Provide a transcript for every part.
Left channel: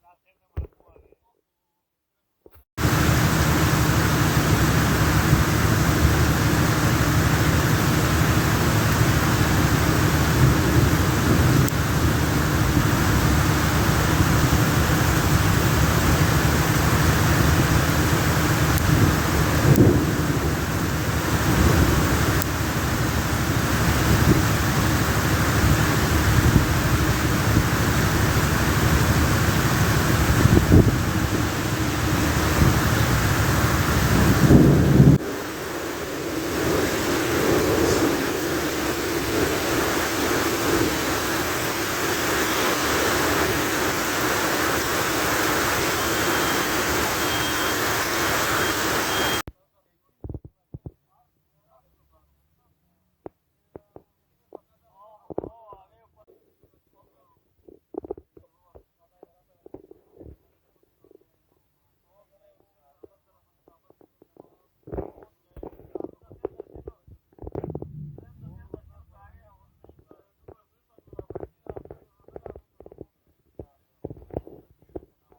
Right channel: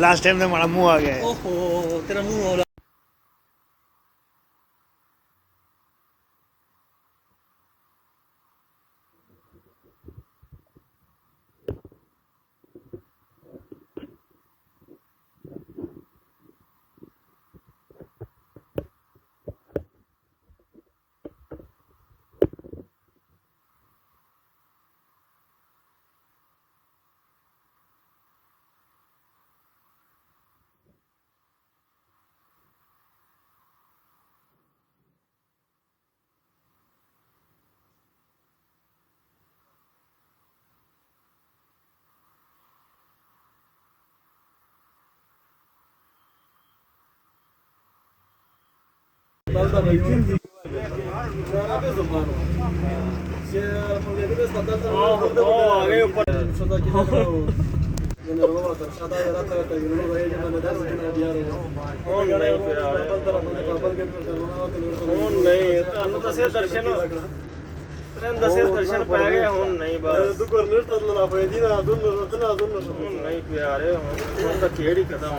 Last time तो हमारा मुंह आ गया है। ओहो तेरा मुंह हो दर्शन पै गए हुन नहीं बस नहीं प्यारे हुन तो खेड़ ही खत्म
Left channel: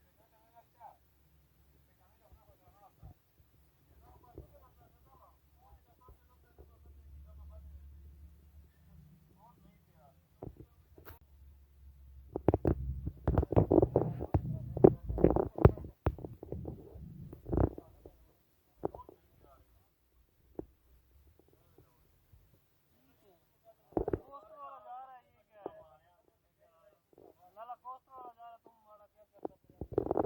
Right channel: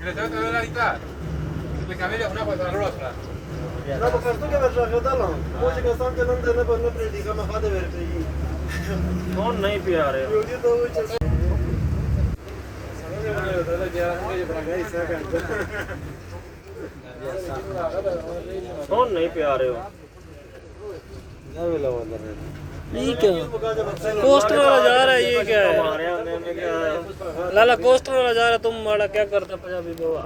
Le tengo que ver la guitarra. Le cambié una cosa a la otra. No, porque tú que ves la gedala. Muitos que estão tentando na banda predicar uma fada verde. हुन नहीं प्यारे Eu disse hoje. हुन नहीं प्यारे हो ये क्या coaster वाला जा रहा है ये क्या है लाला कोस्टर वाला जा रहा है तुम वाला क्या करता पंजाबी बाबा